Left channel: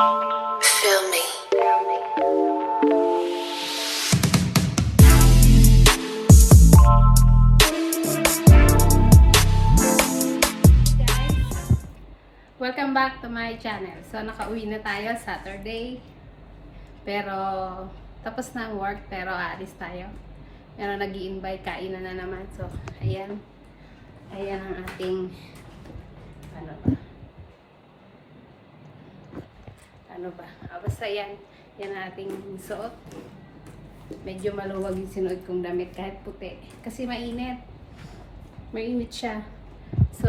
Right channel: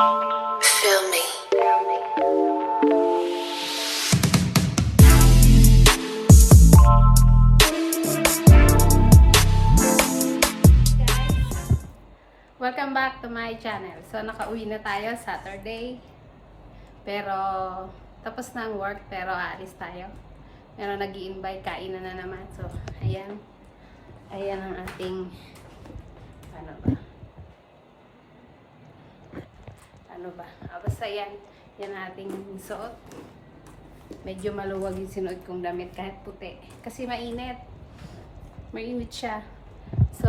Feel me. Welcome back to my channel. So nakauwi na tayo Saturday. Pero tapos na ang work pero aalis tayo. Pero nag-i-invite, kainan na naman. So ayan. Ayan ang ating ano ba? Basta yan. Yan ang ating suot. Medyo maluwag yung sinuot kong damit kahit puti. Kasi mainit. Mainit siya. So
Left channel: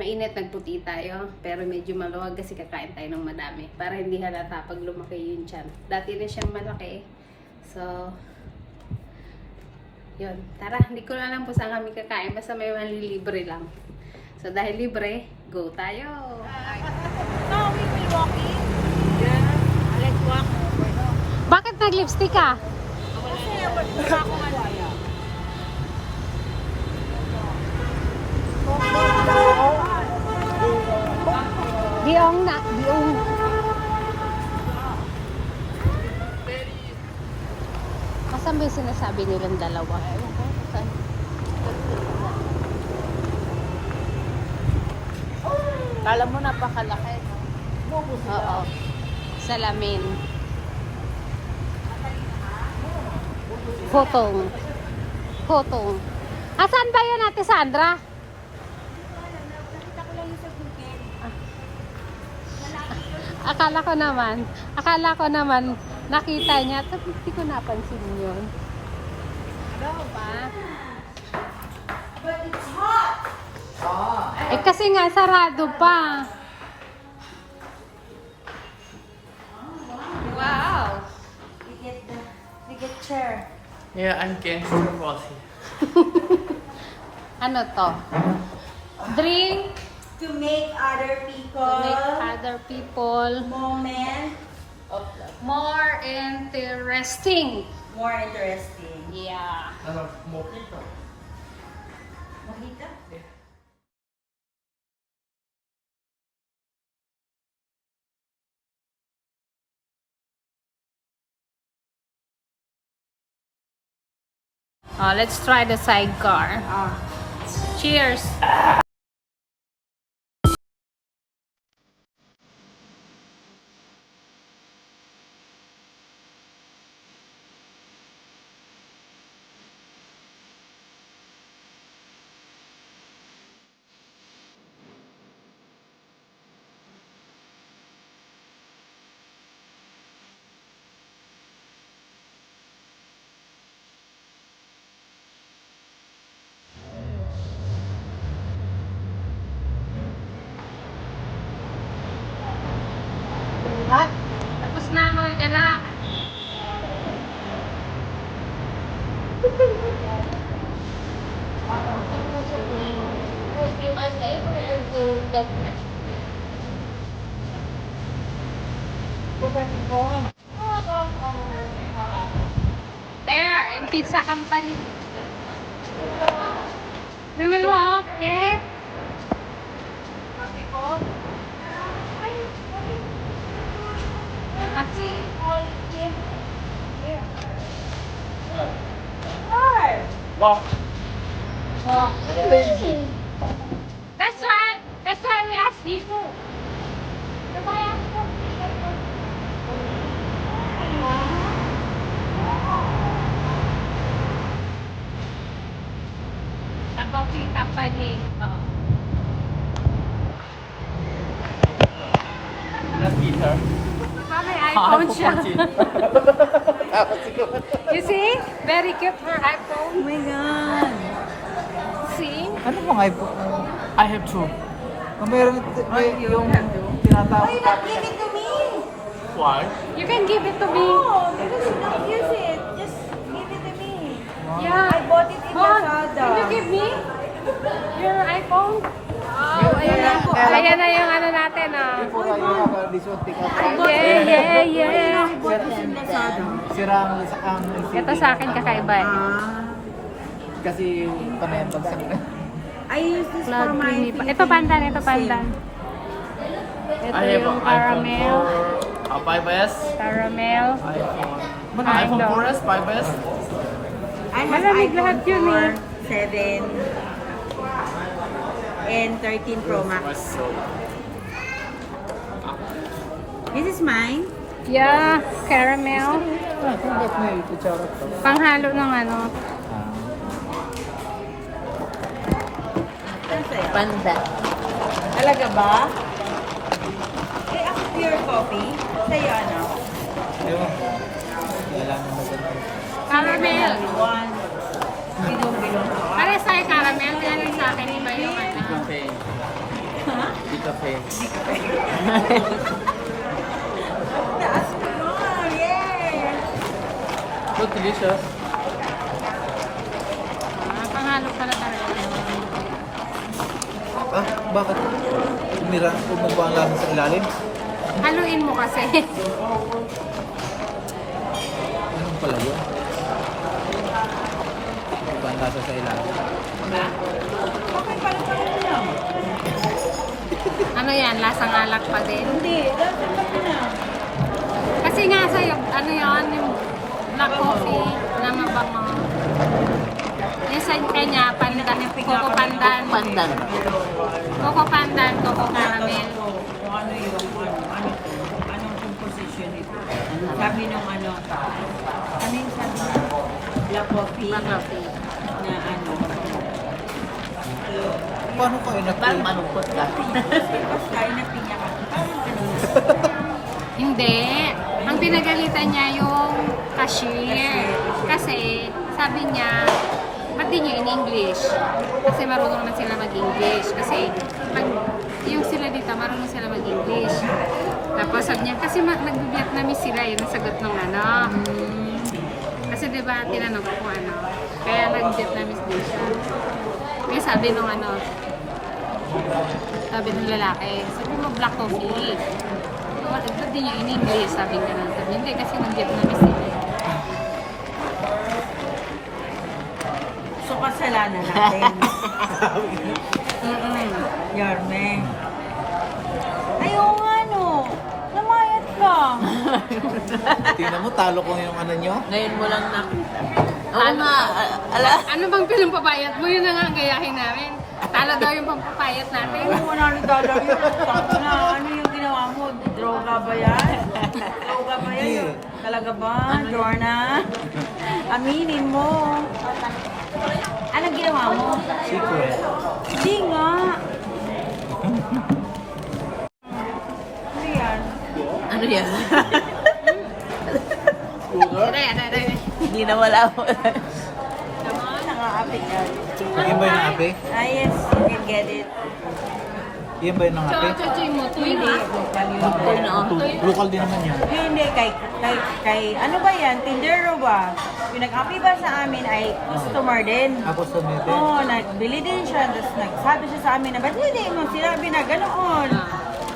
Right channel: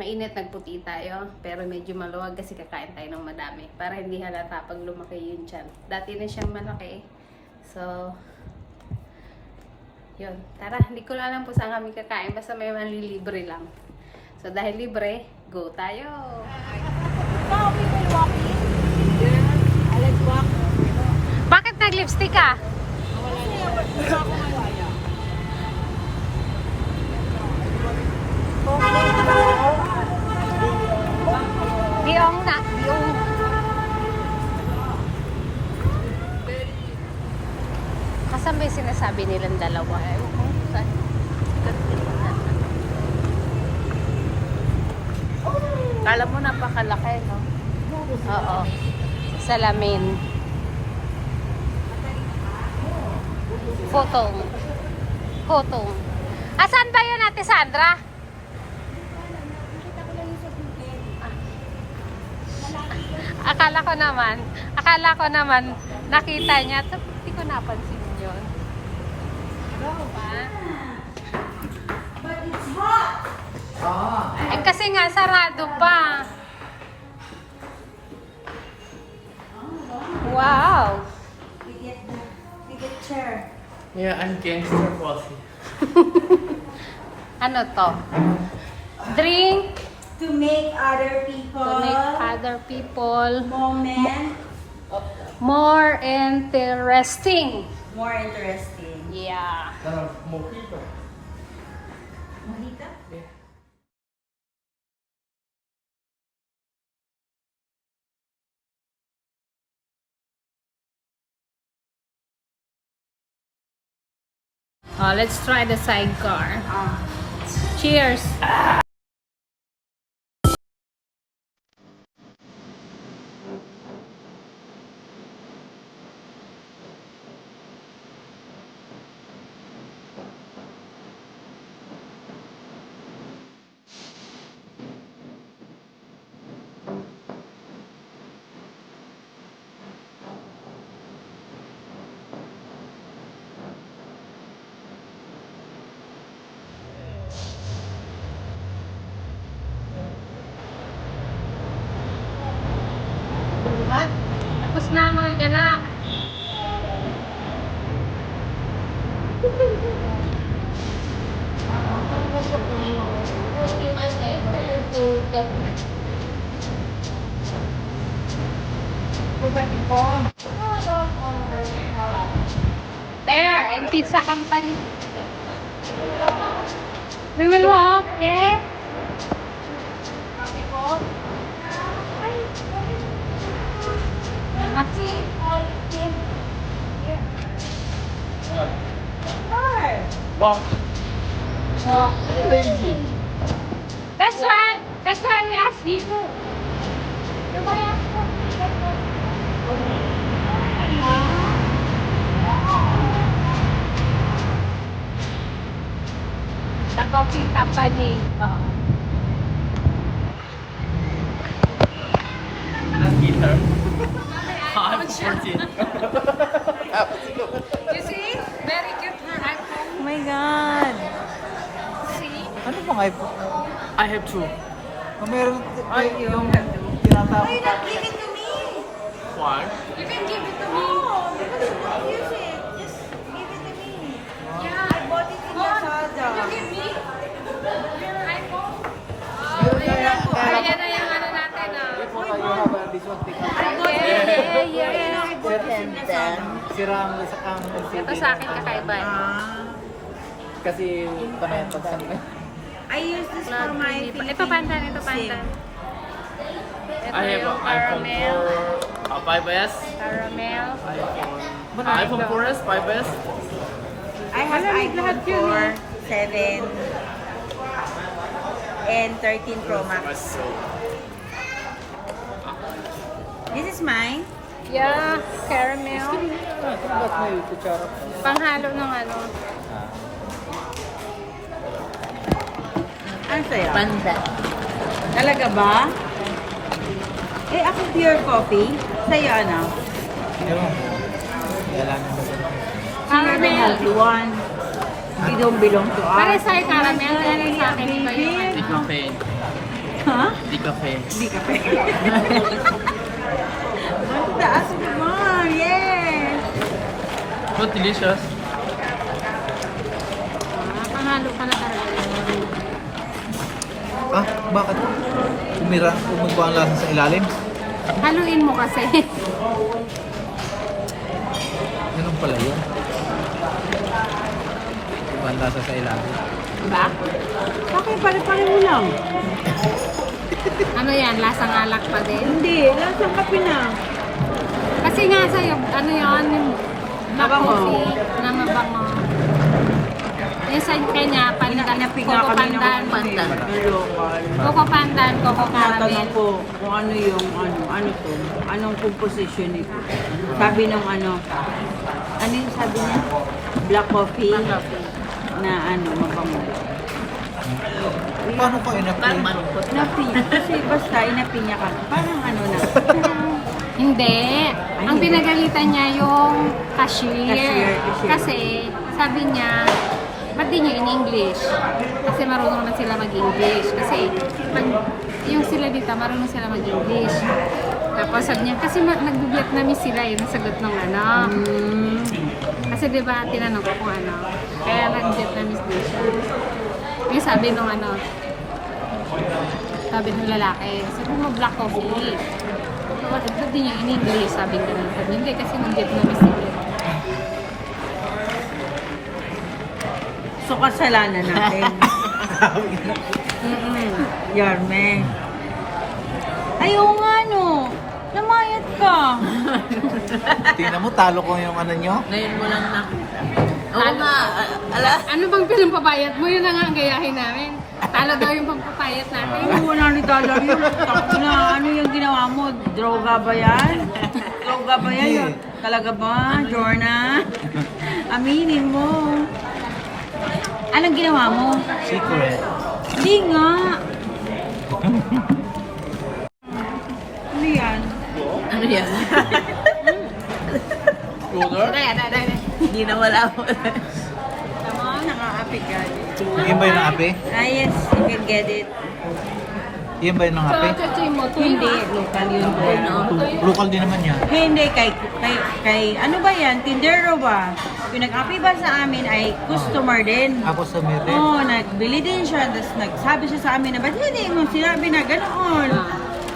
mainit, nagputi tayo, pero medyo maluwag kasi kakain tayo ng madami para hindi halata pag lumaki yung tiyan. Dati na siyang malaki. So, yun. Tara, hindi ko na alam po saan kami kakain, basta may malilibre lang. So, dahil libre, go tayo! So, we will walking? Yeah. Let's walk. Bakit nag-lipstick ka? Kasi mukha ko ano. Biong na, biong. Asan ba yung sinasabi nilang dalawa? Alam mo, napakalaki, no? Oo. Salamin. Photon. Photon. Asan ba yun, Ate Sandra? Nakita ko lang yung sa Google. Akala ko naman, nakita niya. Tapos hindi ko napansin yun. But it's hot! Eh kasi nga, sarado pa. Wow! We get chair. Yeah, I'm gangster bossy. Ano to? Drink To make other people to make other people moment more interesting. more interesting. Yeah. Mojito. Mojito? Oh, let's try the sidecar. Cheers. Tapos na mga anak. There, and pizza company. We will walk, okay? Walk. That's why we asked you. The coffee company. That's guitar. Mami, iPhone siya. You see? Very cute for iPhone. Oh my God! See? I have two. You don't have to. Why you not give it to me? Why? You can give it to me. No, because you don't use it. Just give it to me. Yeah. I bought it in Mom, Lazada. can you give me your iPhone? Oh, ayan na po. Ayan na yung ano natin, oh. Oy, Bon! Yeah. I bought this in Lazada. Ito sa akin kakaiba. Kasi I use this for my Philippine Ito pandan, ito pandan. SIM. yung caramel. 5S. Caramel. iPhone 4S, 5S. I have iPhone 4, 7, and 13 Pro Max. This is mine. Yeah, caramel. Panghalo ng ano. Ano sa'yo? Talaga ba? Eh, ako pure coffee. Sa'yo ano? Caramel. One. You don't belong to us. Pare sa'yo caramel. Yan yung sa akin iba yung ano. Cafe. Ha? Di cafe. Hindi ka pa. Ang taas naman. Yes! But delicious. Panghalo pala talaga yun. Ah, bakit? Tumumba ang lasa sa ilalim? Haluin mo kasi. Ganun pala yun. Ang lasa sa ilalim. Diba? Okay, pare-pare mo lang. Ano yan? Lasang alak pa din. Hindi, lasang kape na. Kasi nga sa'yo, ano yun? Yung black Mabango. coffee na mabango. Yung sa kanya, pandan, coco pandan. Coco pandan, coco caramel. Tatanong ko kung ano yung ano to, anong composition nito. Sabi ng ano yung sabi niya? Black coffee Black coffee. na mabango. Ano po yun? Napinya, kasi basta inapinya ka. Parang na. Hindi. Ang pinagalitan niya yung cashier. Cashier. Kasi sabi niya, ba't di niyo in English? Kasi marunong na sila mag-English. Kasi pag yung sila dito, marunong sila mag-English. Tapos sabi niya, kasi nag-Vietnamese sila, yun ang sagot ng ano. Kasi di ba tinanong ko kung ano. Kaya nag-Vietnamese din siya. Yung sabi nung sabi ng lalaki, sabi mo black coffee. Ba't di niyo in English? Sabi ka lang. Sabi, hindi kasi nag-Vietnamese sila. So kasalanan natin. Yarme. Ayaw nga namayat ka. Tingnan mo, talo ko yung ano nyo. Talo. Ano bang pinampapayat mo? Yun na nga ang gayahin namin. Talo daw yung pampapayat natin. Ay, $100 yun. Na, ano yung ginawa mo? Droga ba yan? Droga ba yan? Yun? Talaga ba, Jorna? Aminin mo. Anong ginawa mo? Secret. Hindi nga. Ano yan? Ano yan? Cooler. Hindi na wala. Come on, nakakapit yan. Yun ba yung kape? Ah, yes, you can get it. Yun ba yung So, kape? kasi mo, Hindi, local yun. Local din naman yan. Hindi, kay, ano ba yan? Tindero ba? Yung nag-api ba sa amin ay customer din. Tapos sa bebe. Oo, nagbili din siya. Tapos nagsabi siya sa amin na, ba't hindi mo sinabi na ganoon?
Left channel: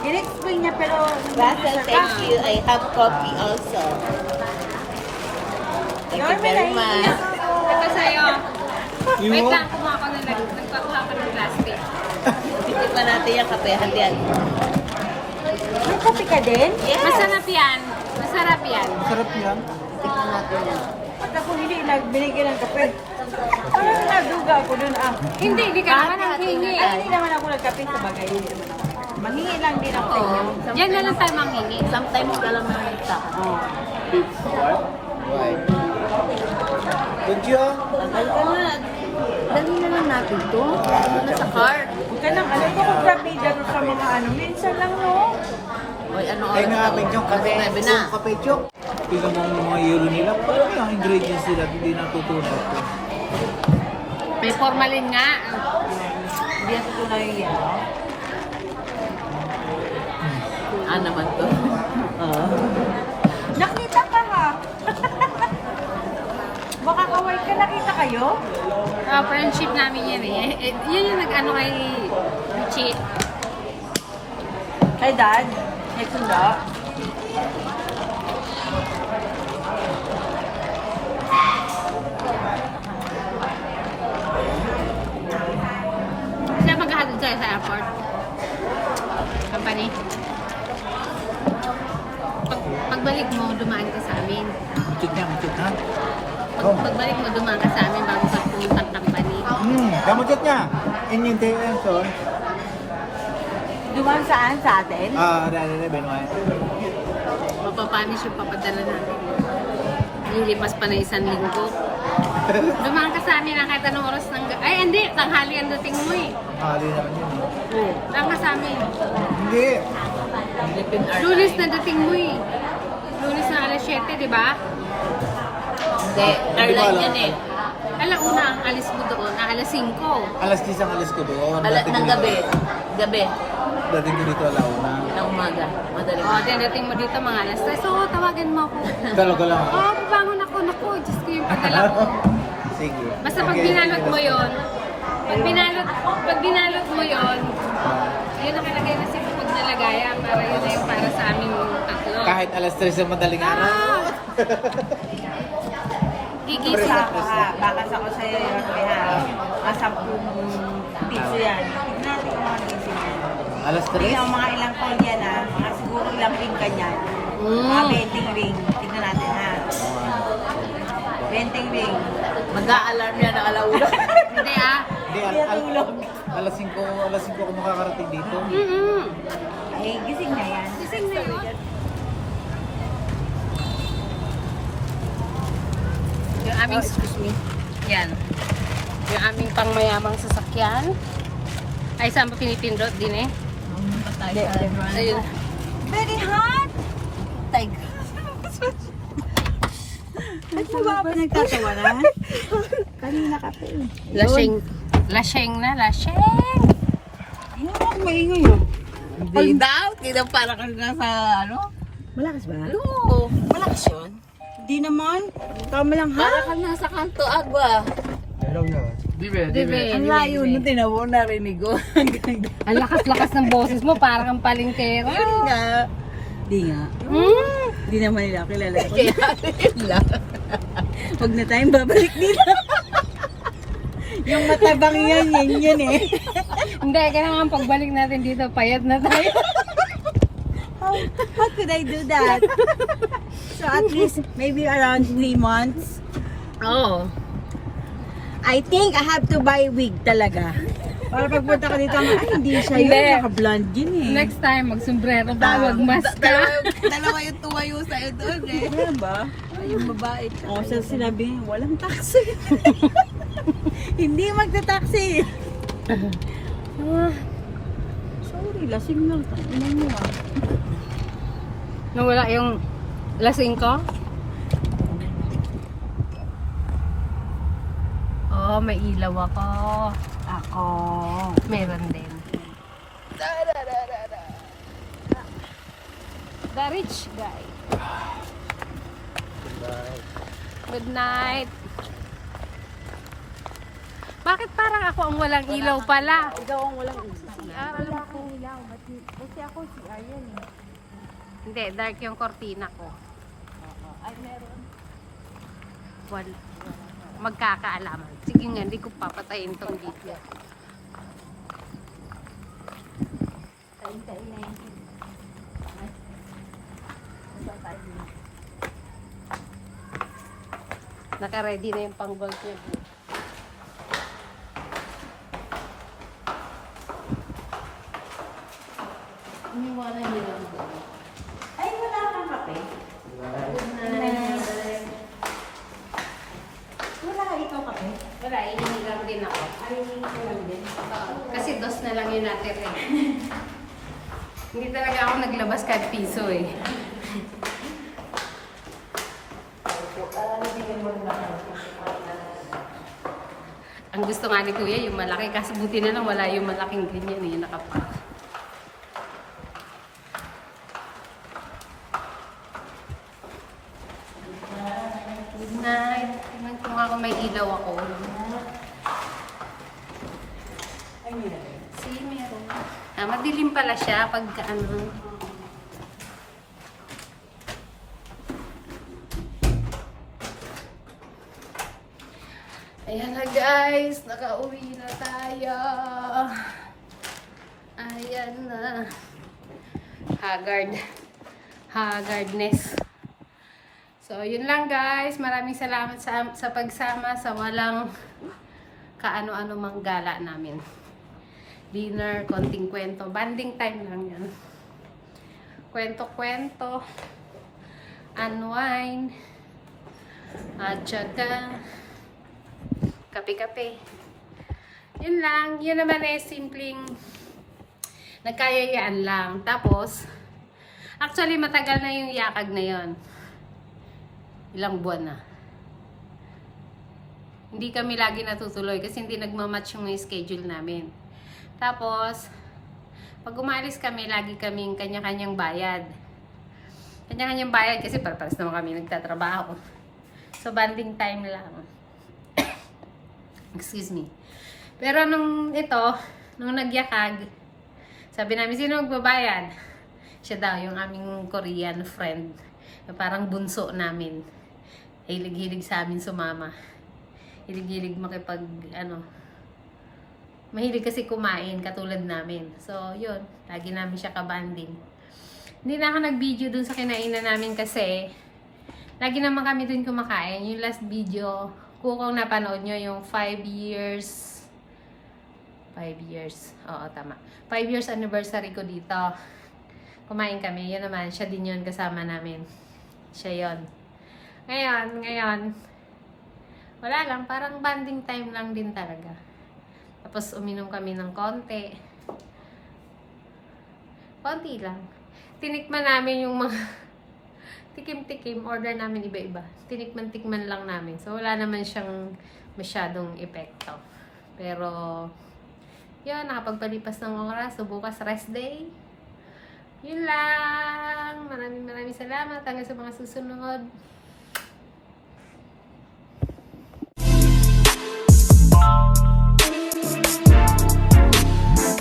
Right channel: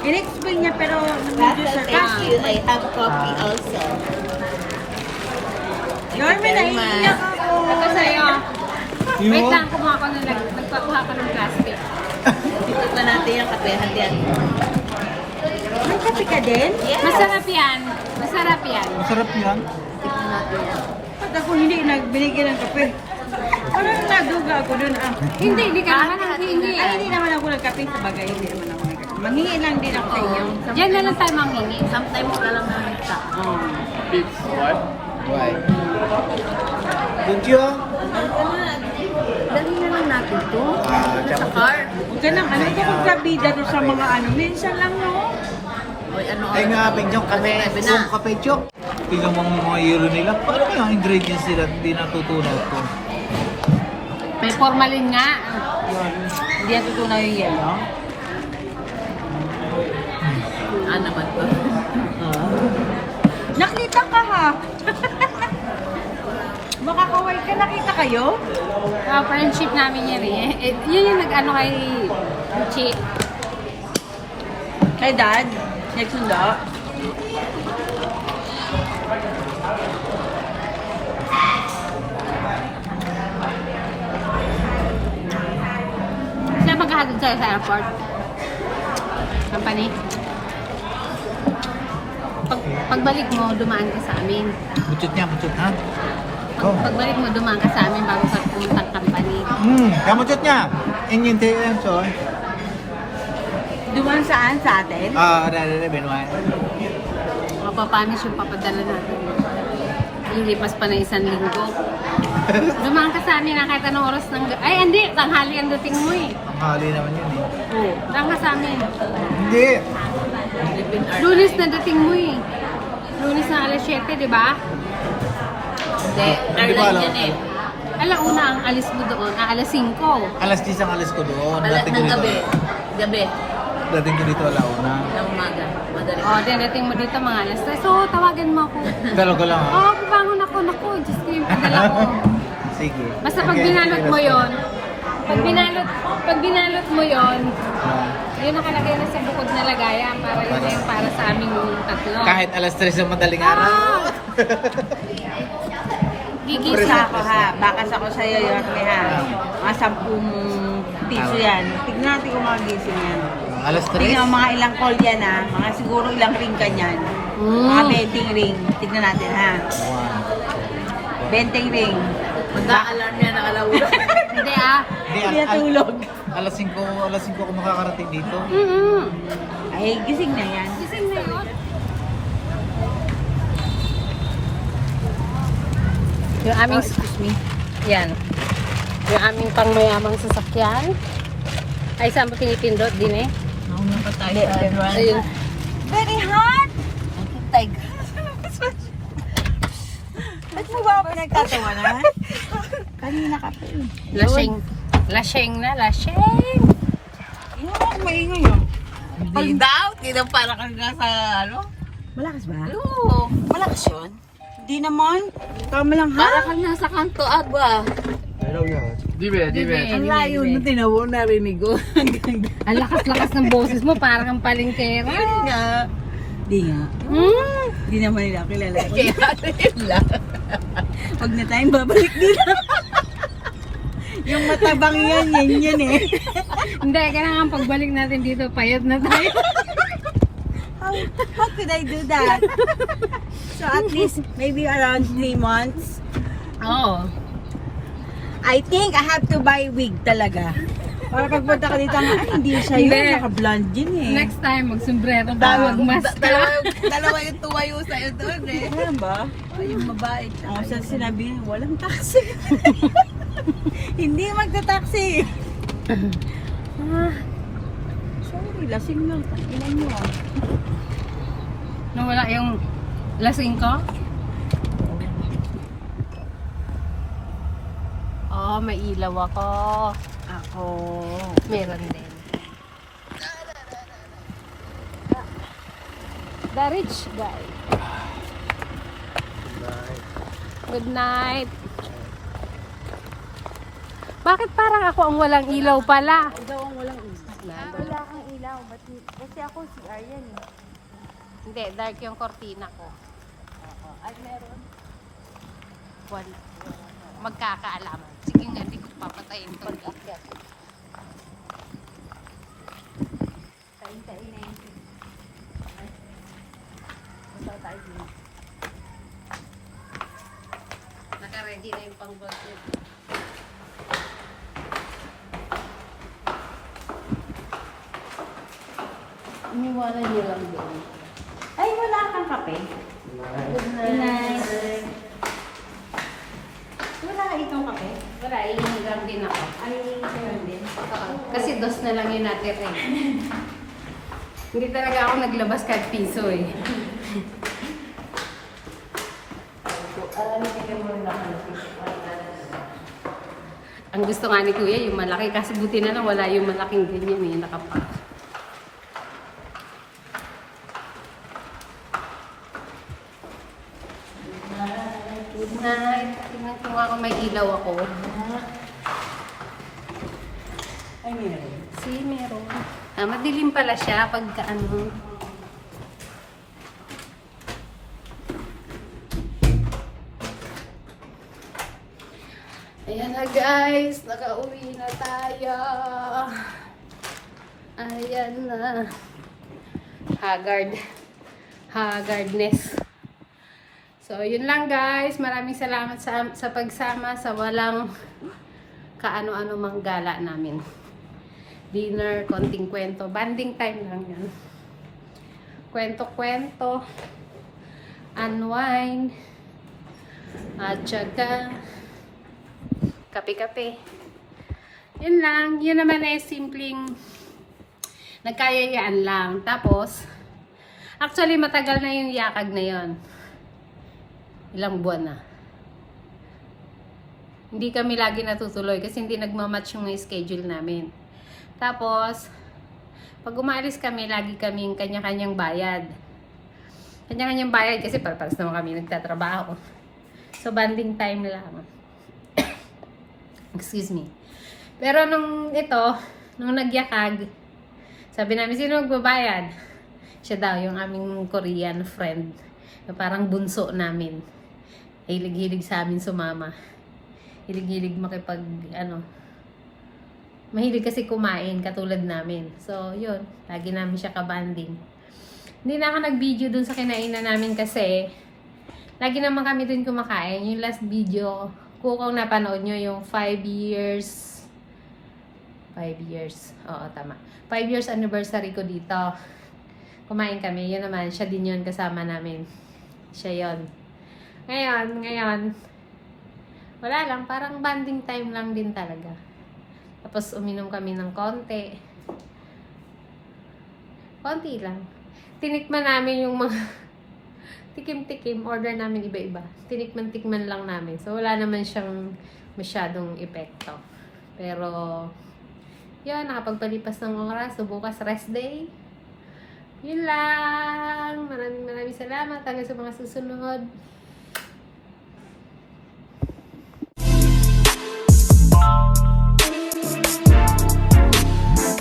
In-explain niya pero medyo sarcastic. I have coffee also. Norman, naiiyak ako. Ito sa'yo. Wait lang, kumuha ko ng nagpakuha ko ng plastic. Tikot na natin yung kapehan yan. Nagkapi ka din? Masarap yan. Masarap yan. Sarap yan. Tikot natin yan. Ba't ako hindi nagbinigay ng kape? Parang naduga ako dun Hindi ka naman ang hingi. Ay, hindi naman ako nagkape sa bagay. Hindi naman ako nagkape. Manghingi lang din ako sa inyo. Diyan na lang tayo manghingi. Sometimes ka lang nakita. Oo. Thank you. Dali na lang natin ito. Sa car. Huwag ka nang ano ito kung sabida doon sa mga ano. Minsan lang no. Oy, ano? Ay nga, Pinchok, kape. Sabi na. Kape, Chok. Tingnan mo yung mga yelo nila. Parang yung ingredients nila hindi natutunan. May formalin nga. Yun. Hindi yan tutunaw yung yelo. Ano naman ba? Nakita ka ha? Mukha ka white. Nakita kayo? Friendship namin yan eh. Yun yung nag-ano kay Chip. Kay Dad? Nagsunda? Sila maghahatid sa'yo sa airport. Company. Pagbalik mo, dumaan ka sa amin. Muchot niya, muchot na. Pagbalik mo, dumaan ka sa amin bago ka pumunta ng company. Kaya muchot niya. Inyong direction. Duman saan sa atin? Menuay. Mapapanis yung papadala natin. Lilipas pa na 1 linggo. Dumaan ka sa amin na kahit anong oras ng... Ay, hindi. Tanghali ang dating mo eh. Mali naman yun eh. Oo. Dumaan ka sa amin. Hindi. Lunes na dating mo eh. Lunes na alas 7, di ba? Hindi, airline yan eh. Alauna ang alis mo doon. Alas 5. Alas 10 ang alas ko doon. Ng gabi. Gabi. Dating ko dito. Ng umaga. Madali. O, dating mo dito mga alas 3. So, tawagin mo ako. Galaw lang. Oo, babangon ako. Naku, Diyos ko yung padala ko. Sige. Basta pag binalot mo yon, pag binalot mo yon, yun nakalagay na sa bukod na lagayan para yun yung para sa aming tatlo. Kahit alas 3 sa madaling araw. Ah! Gigisa Isa ako ha. Bakas ako sa'yo, Yorme ha. Mga 10 piso yan. Tignan natin kung mga gising yan. Alas 3. Tignan mo mga ilang call yan ha. Mga siguro ilang ring ka niyan. Mga betting ring. Tignan natin ha. Betting ring. Mag-a-alarm yan ang alauna. Hindi ah. Hindi natulog. Alas 5 kung makakarating dito. Ay, gising na yan. Gising na yun. Yung aming, yan. Yung aming pangmayamang sasakyan. Ay, saan pa pinipindot din eh? Pumunta tayo sa Iran. Ayun. Very hot! At sa ba ba nagtatawa na? Kanina ka pa eh. Lasing. Lasing na, lasing. Hindi ako maingay no? Hindi daw. Hindi daw para ka sa ano. Malakas ba? Oo. Malakas yun? Hindi naman. Tama lang ha? Para ka nasa kanto agwa. Dibe, dibe. Ang layo na tinawo narinig ko. Ang lakas-lakas ng boses mo, parang ang palengkera. nga. Di nga. Di naman nila kilala ko. Pag na tayong babalik nila. Yung matabang yan, yan eh. Hindi, kailangan pagbalik natin dito, payat na tayo. How could I do that? So at least maybe around 3 months. Oo. I think I have to buy wig talaga. Para pagpunta ka dito, ay hindi siya yun, Hindi. naka-blonde yun eh. Next time, magsombrero ka, magmask ka. Dalawa yung tumayo sa'yo doon eh. Ano ba? Yung babae. Ang usap sinabi, walang taxi. Hindi magta-taxi. Sorry, lasing lang. Inan mo ah. Nawala yung lasing ko? Oh, may ilaw ako. Ako. Meron din. The rich guy. Good night. Bakit parang ako ang walang ilaw pala? Ikaw ang walang ilaw. Kasi ako si Ariel eh. Hindi, dark yung kortina ko. Ay, meron. Magkakaalaman. Sige nga, hindi ko papatayin tong dito. Kain-kain na yun. Naka-ready na yung pang-gold ko. Iniwanan niyo lang doon. Ay, wala kang kape. Good night. Wala ikaw kape. Wala, iinigang din ako. Kasi dos na lang yung natira eh. Hindi talaga ako naglabas kahit piso eh. Ang gusto nga ni Kuya yung malaki. Kasi buti na lang wala yung malaking ganyan eh, nakapak. Good night. Tingnan ko nga kung may ilaw ako. Si meron. Ah, madilim pala siya pagka ano. Ayan na guys, nakauwi na tayo. Ayan na. Haggard. haggardness. So, yun lang guys. Maraming salamat sa pagsama sa walang kaano-ano mang gala namin. Dinner, konting kwento. Banding time lang yan. Kwento-kwento. Unwind. At saka kape-kape. Yun lang. Yun naman ay simpleng nagkayayaan lang. Tapos, actually matagal na yung yakag na yon. Ilang buwan na. Hindi kami lagi natutuloy kasi hindi nagmamatch yung schedule namin. Tapos, pag umalis kami, lagi kaming kanya-kanyang bayad. Kanya-kanyang bayad kasi para-paras naman kami nagtatrabaho. So, banding time lang. Excuse me. Pero nung nagyakag, sabi namin, sino magbabayad? Siya daw, yung aming Korean friend. Na parang bunso namin. Hilig-hilig sa amin sumama. Hilig-hilig mahilig kasi kumain katulad namin. So, yun. Lagi namin siya kabanding. Hindi na ako nag-video dun sa kinainan namin kasi lagi naman kami dun kumakain. Yung last video, kung napanood nyo yung 5 years. Oo, tama. 5 years anniversary ko dito. Kumain kami. Yun naman. Siya din yun kasama namin. Siya yun. Ngayon, wala lang. Parang banding time lang din talaga. Tapos, uminom kami ng konti. Konti lang. Tinikman namin yung mga tikim-tikim. Order namin iba-iba. Tinikman-tikman lang namin. So, wala naman siyang masyadong epekto. Pero, yun, nakapagpalipas ng oras. So, bukas rest day. Yun lang. Maraming salamat. Hanggang sa mga susunod.